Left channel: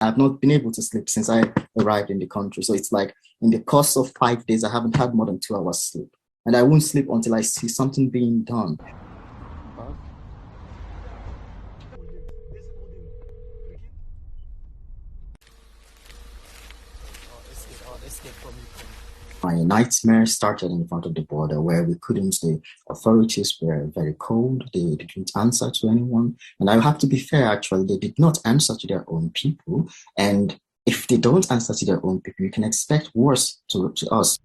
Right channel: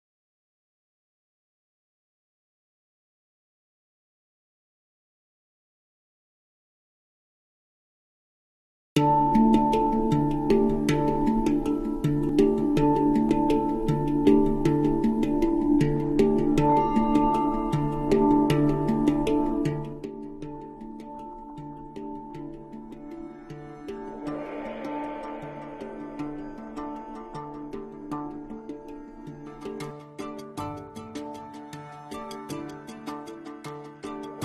I've not been able to sleep since I arrived in the country. So it's like in the course of 5 days, I haven't had more than 2 hours sleep. And I won't sleep until I see something being done. My nightmare started in front of the border where the authorities were very cold, they didn't answer to anyone. And I have to be fair, actually, they did not answer to their own people. And if they don't answer to their own people, you can expect worse to us.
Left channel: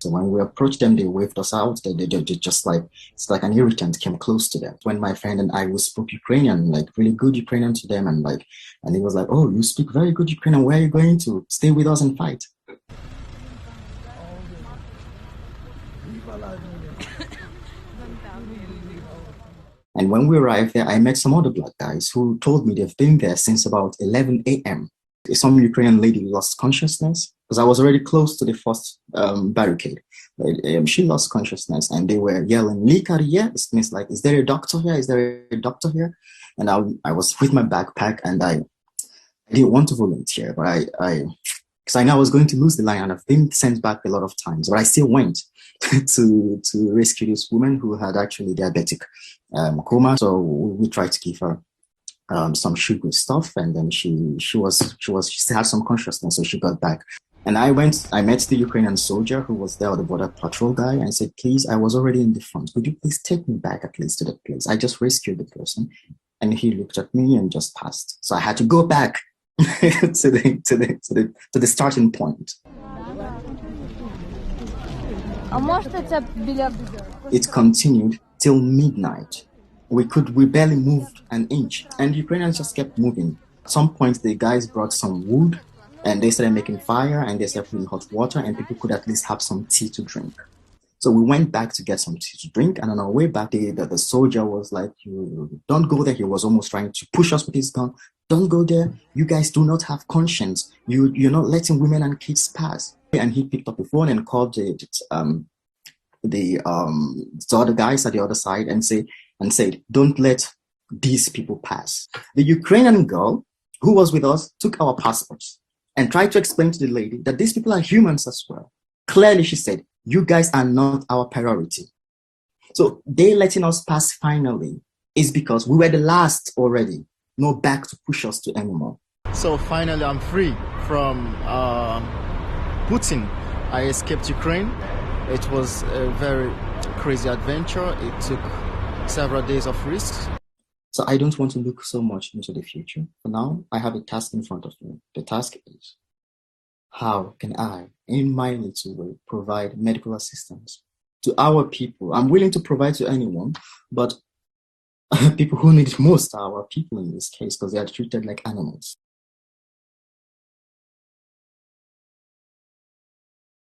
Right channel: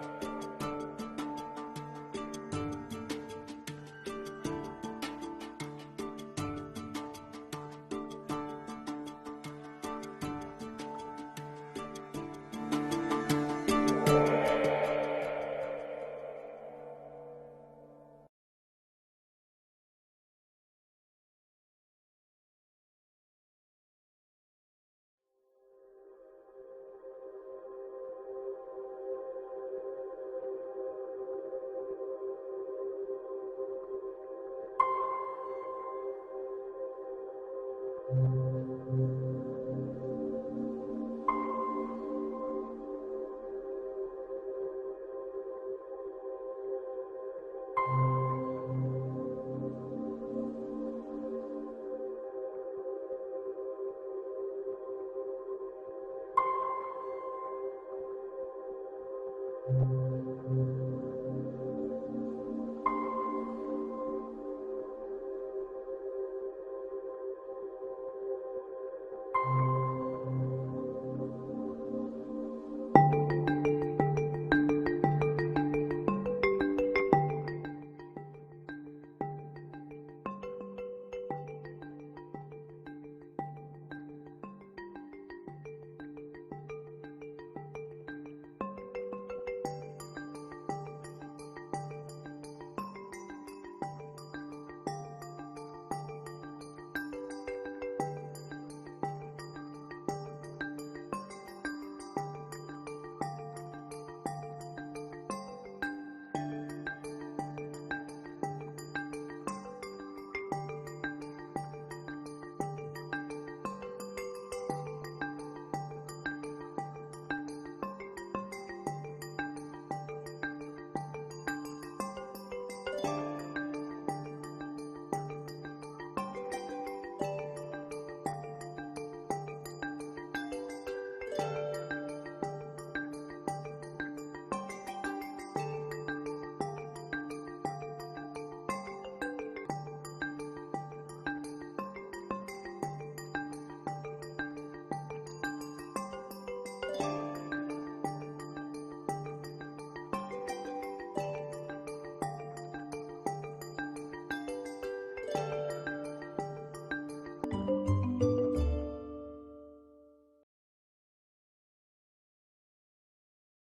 So when we approached them, they waved us out. They just like, it's like an irritant came close to them. When my friend and I, we spoke Ukrainian, like really good Ukrainian to them. And he was like, oh, you speak very good Ukrainian. Where are you going to? Stay with us and fight. And when we arrived there, I met some other black guys who told me they've been there since about 11 a.m. Some Ukrainian lady lost consciousness because I was already close to the first barricade. She lost consciousness and they were yelling, "Likariya!" It means like, is there a doctor here? Is there a doctor here? And I was with my backpack and I didn't want to volunteer, but because I know I was going to lose the line and I've been sent back a lot of times, but I still went to rescue this woman who had actually diabetic coma. So we tried to give her some sugary stuff, and then she still had some consciousness, so she got back. And I met the Ukrainian soldier who was there, the border patrol guy, and said, please, I was already in the front. Could you please take me back at least to that place? I just rescued the person. And he looked at me and just passed. So I had to go back to the starting point. It continued till midnight. We barely moved an inch, and the Ukrainians just kept moving. At some point, the guys brought some wood, and they started making fire, and they started putting hot water, and people could at least have some tea to drink. So we went back to get some tea to drink, and on our way back, the soldier was like, "You don't go there." He was almost trying to push us with his gun. "Don't go there. You guys do not have conscience. You're not letting women and kids pass." And he picked up the phone and called the other guys at the other side and said, "Don't let these people pass." The Ukrainian girl who was with us took our passports and tried to explain to the lady that these people are humans as well. Clearly, she said, "You guys are not our priority." So they letting us pass finally is because we were the last already. No back to push us to anymore. So finally, I'm free from Putin. I escaped Ukraine. It was a very crazy adventure. It took several days of risks. So I don't want to look so much into the future. For now, I have a task in front of me. The task is, how can I, in my little way, provide medical assistance to our people? I'm willing to provide to anyone, but people who need it most are our people in this case, because they are treated like animals.